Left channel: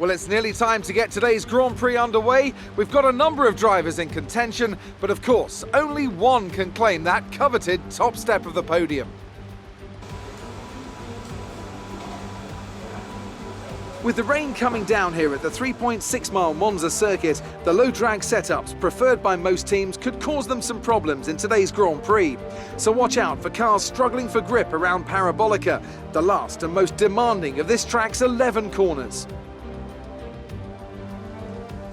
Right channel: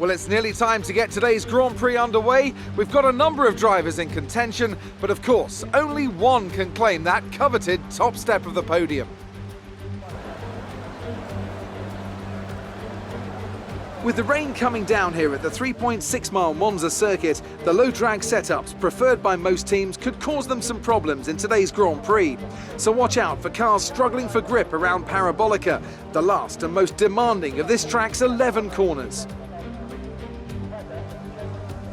Well, it's nearly time to get today's Grand Prix underway. We've got a number of drivers in contention, but of course, only one can claim that coveted top step of the podium. With the rain coming down here at the 3.6-mile Monza circuit, the low drag setups preferred by most teams could cause them some problems in today's Grand Prix. So watch out for cars struggling for grip around Parabolica, the last and most demanding of this track's 11 corners.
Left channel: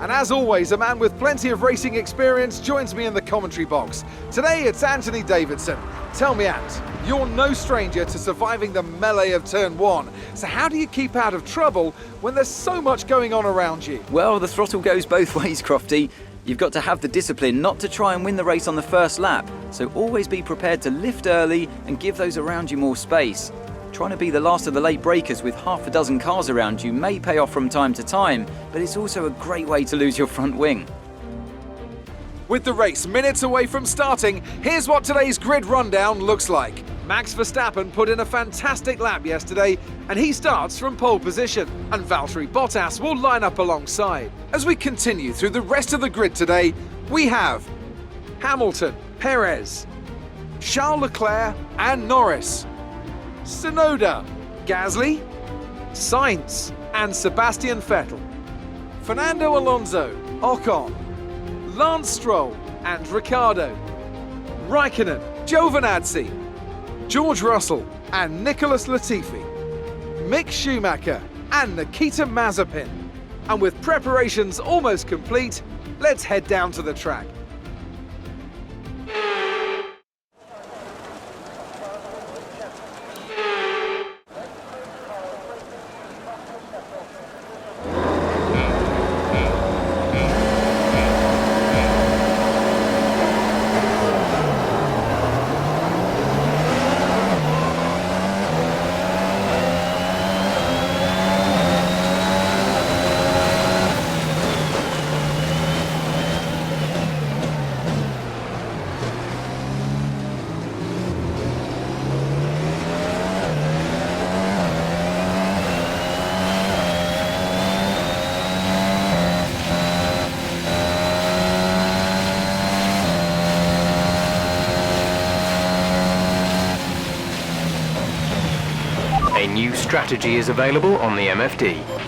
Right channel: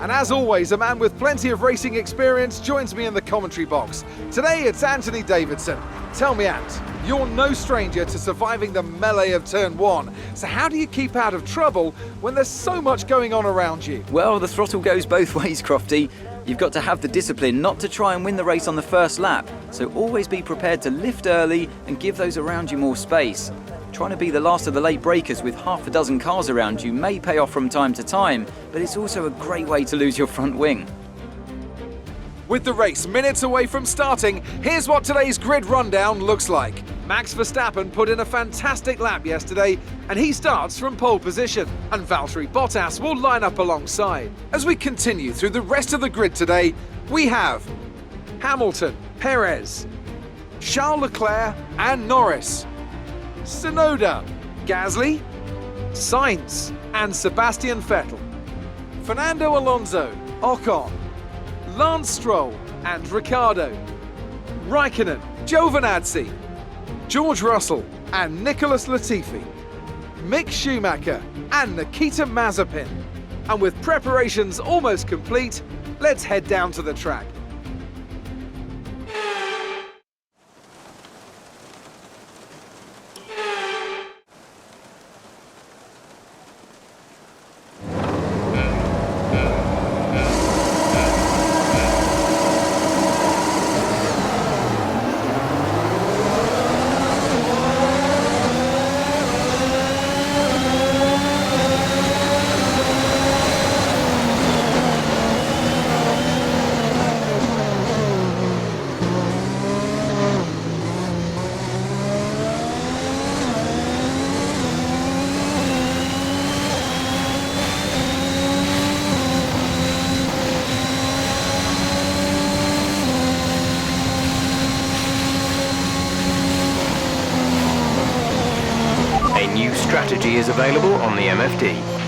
And as always, a man with plenty of racing experience joins me in the commentary box. Today it's Anthony Davidson. Tell me, Ant, you're no stranger to surviving the melee of turn one. So how do you keep out of trouble when there's so much going on around you? Well, the throttle goes both ways, Crofty. You've got to have the discipline not to try and win the race on the first lap. So always be prepared to lift early and give those around you more space. Trying to be the last of the late breakers with half a dozen cars around you may pay off from time to time, but it's also a great way to lose your front wing. With the race minutes away from starting, here's what today's grid rundown looks like. Max Verstappen put in a fantastic lap yesterday, and he starts from pole position, and Valtteri Bottas will line up alongside. As we continue through the rest of the grid today, we have Hamilton, Perez, Charles Leclerc and Norris, Tsunoda, Gasly, Sainz and Sebastian Vettel, Fernando Alonso, Ocon, Lance Stroll and Ricciardo, Raikkonen, Giovinazzi, George Russell and Nicholas Latifi, Mick Schumacher and Nikita Mazepin. And with preparations almost complete, let's head down to the track. A new strategy is available on the MFD.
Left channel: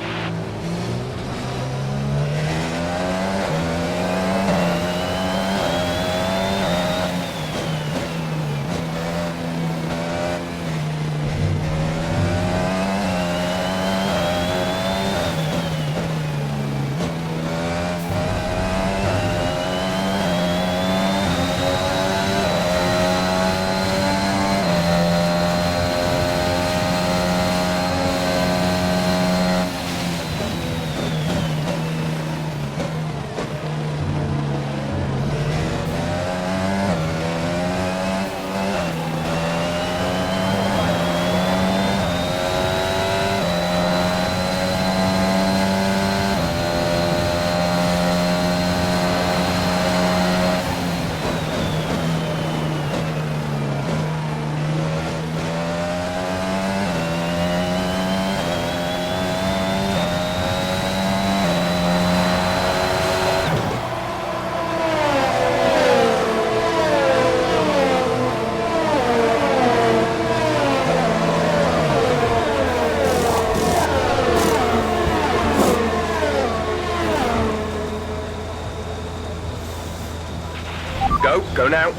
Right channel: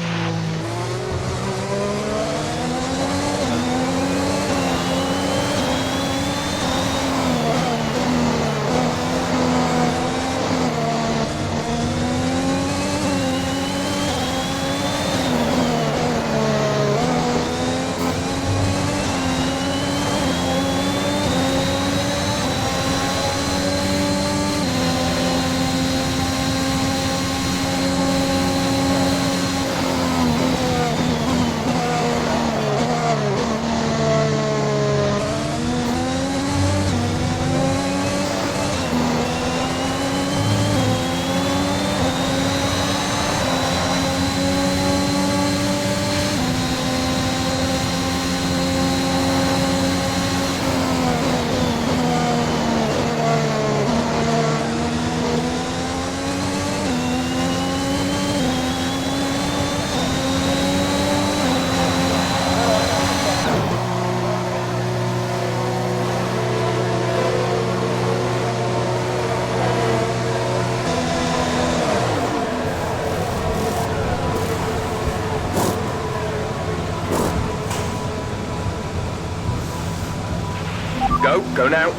Go now.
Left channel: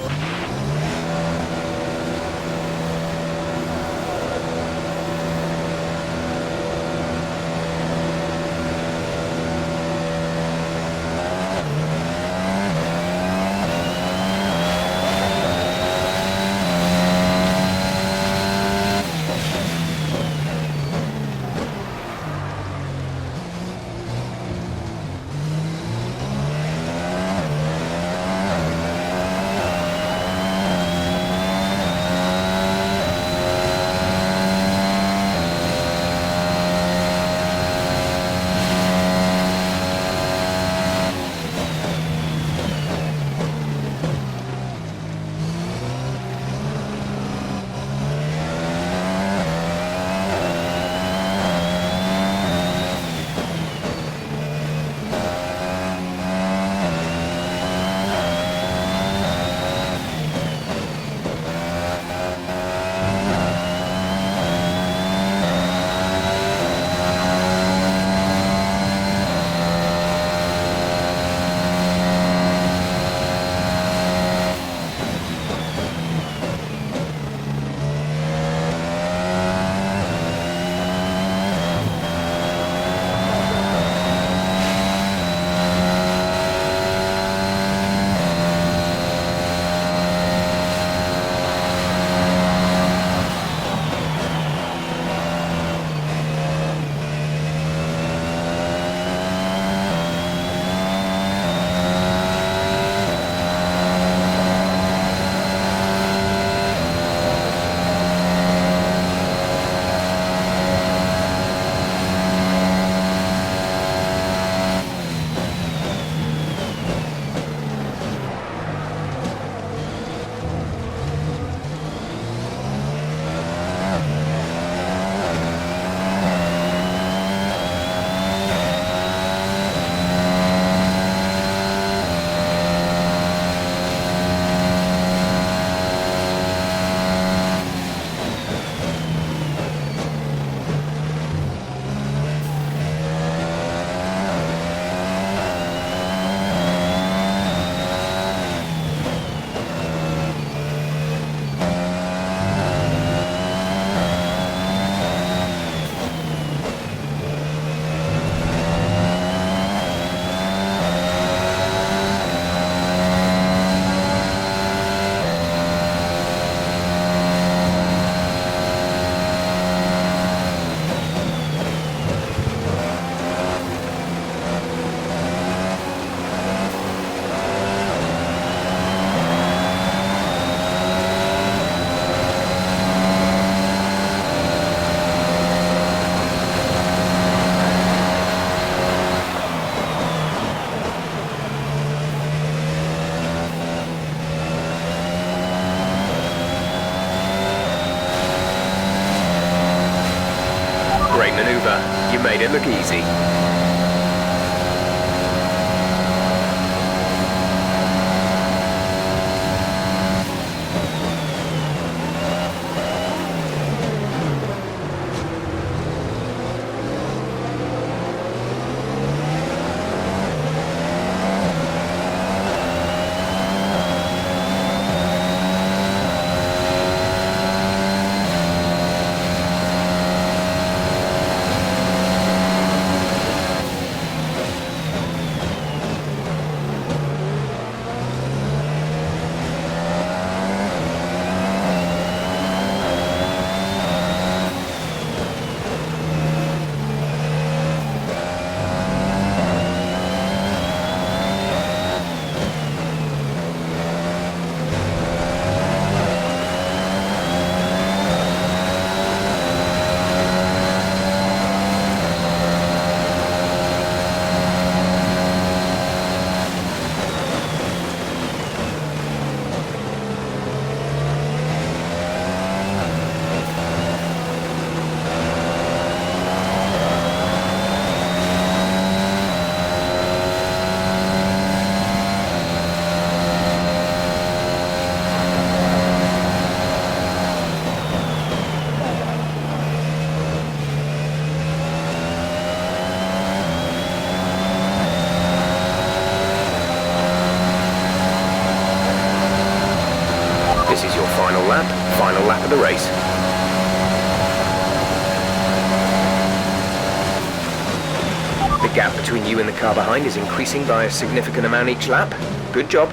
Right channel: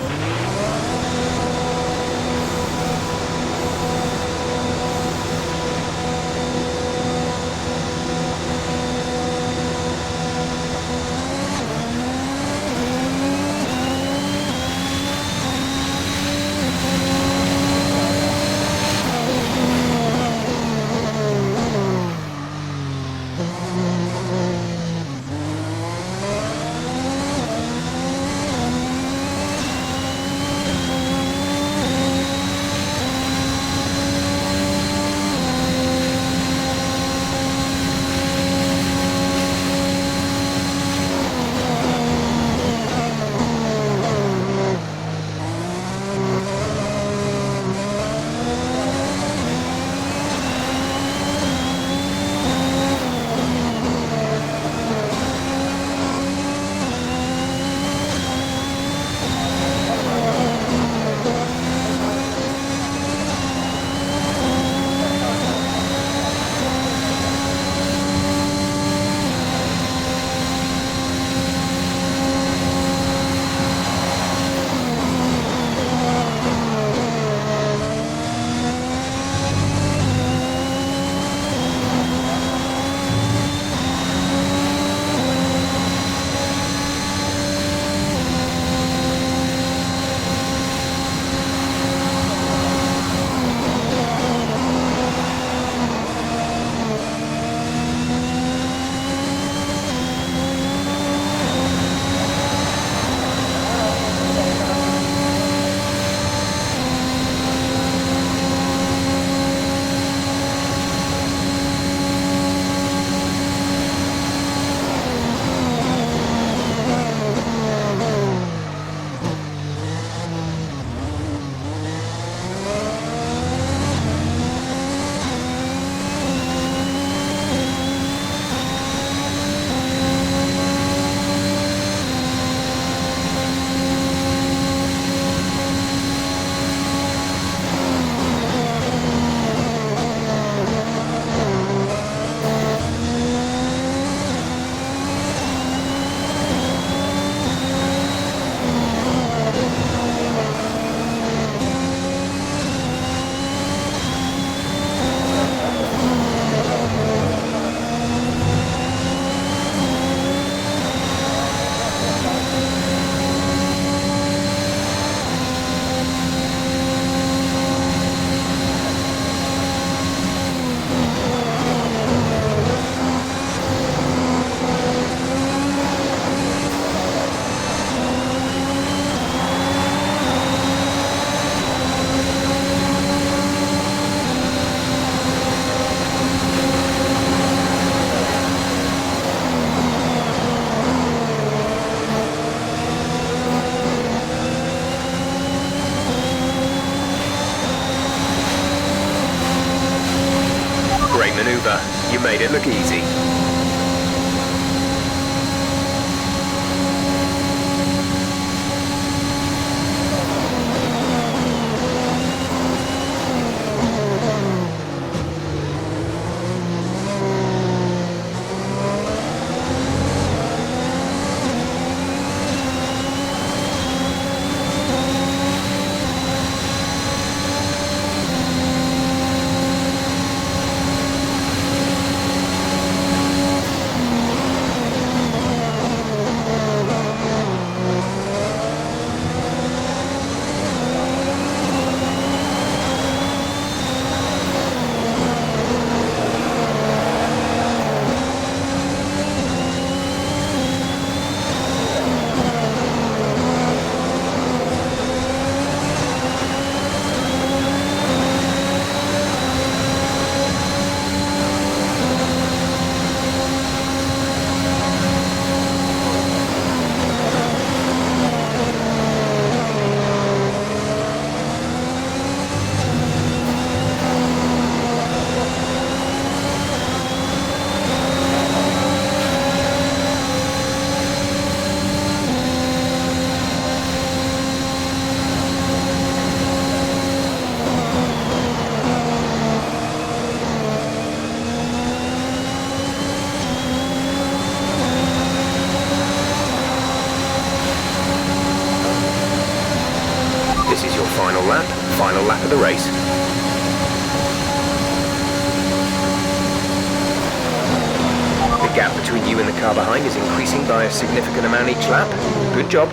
Great maneuver. You made it look easy. This is your final lap of the race. The gap between you and the car behind is increasing by a significant amount each lap. Good job.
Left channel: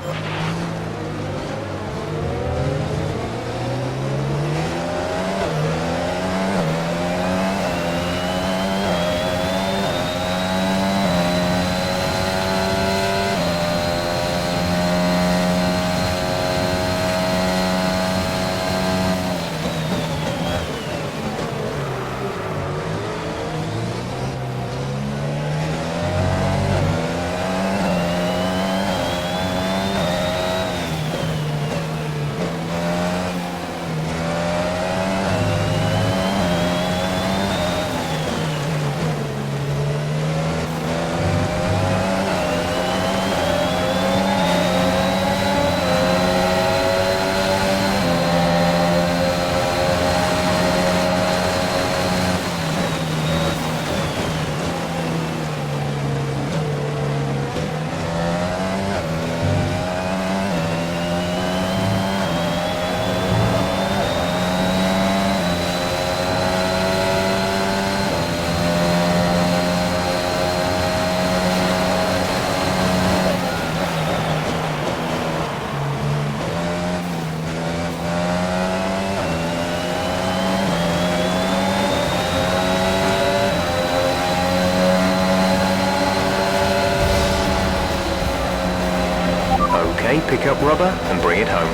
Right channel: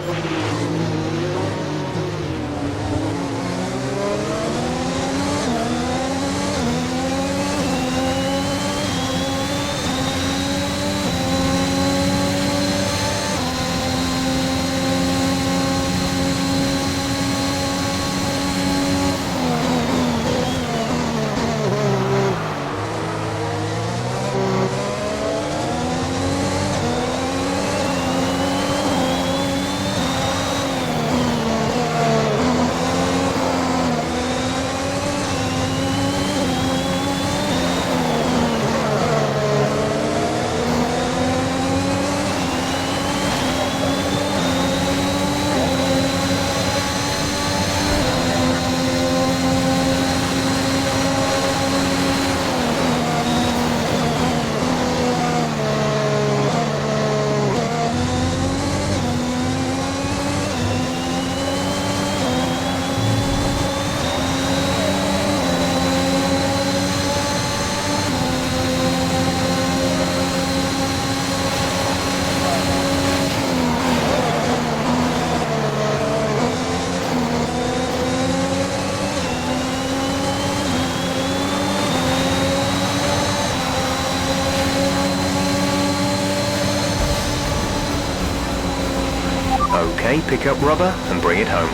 Okay, pick up rubber and bring it home.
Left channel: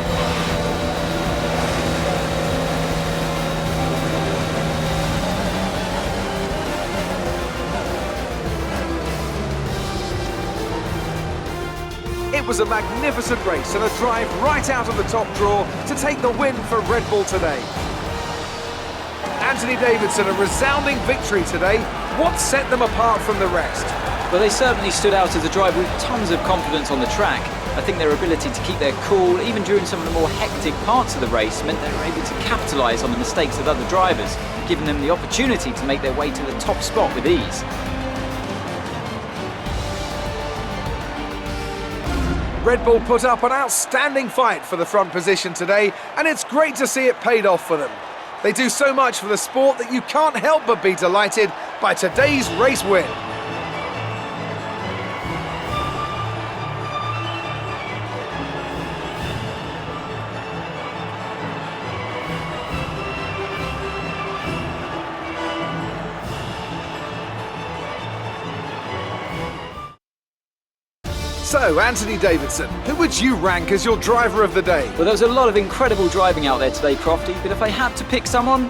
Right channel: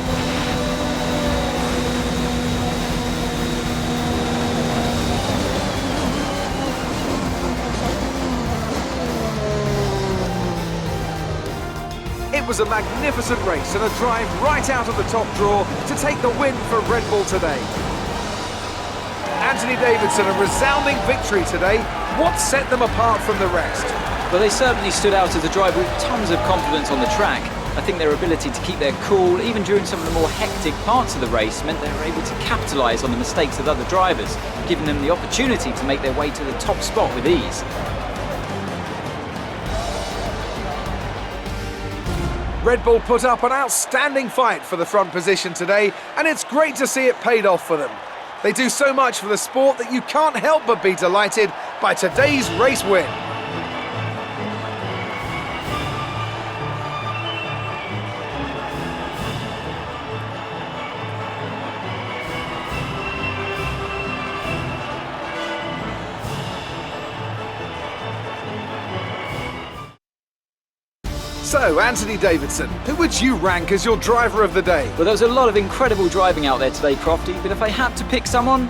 It was a magnificent race and a drive right out of the top draw to take the win for Red Bull today. Anthony Davidson, a resounding victory today. What set them apart from the rest? Well, they certainly stood out as a driver with tons of confidence on the track. I think their ability to keep their cool, even during some of the more hectic parts of the race, meant they were able to capitalise on the mistakes of other drivers, giving them the opportunity to make their way to the top spot with ease. Red Bull put up an outstanding fight for the front position today, and it's great to see it paid off for them. They do so much for the sport that you can't help but be delighted by today's race win. So, Anthony Davidson, who would you rank as your driver of the day? Well, there was a lot of incredible driving out there today, Crofty, but if I had to pick someone,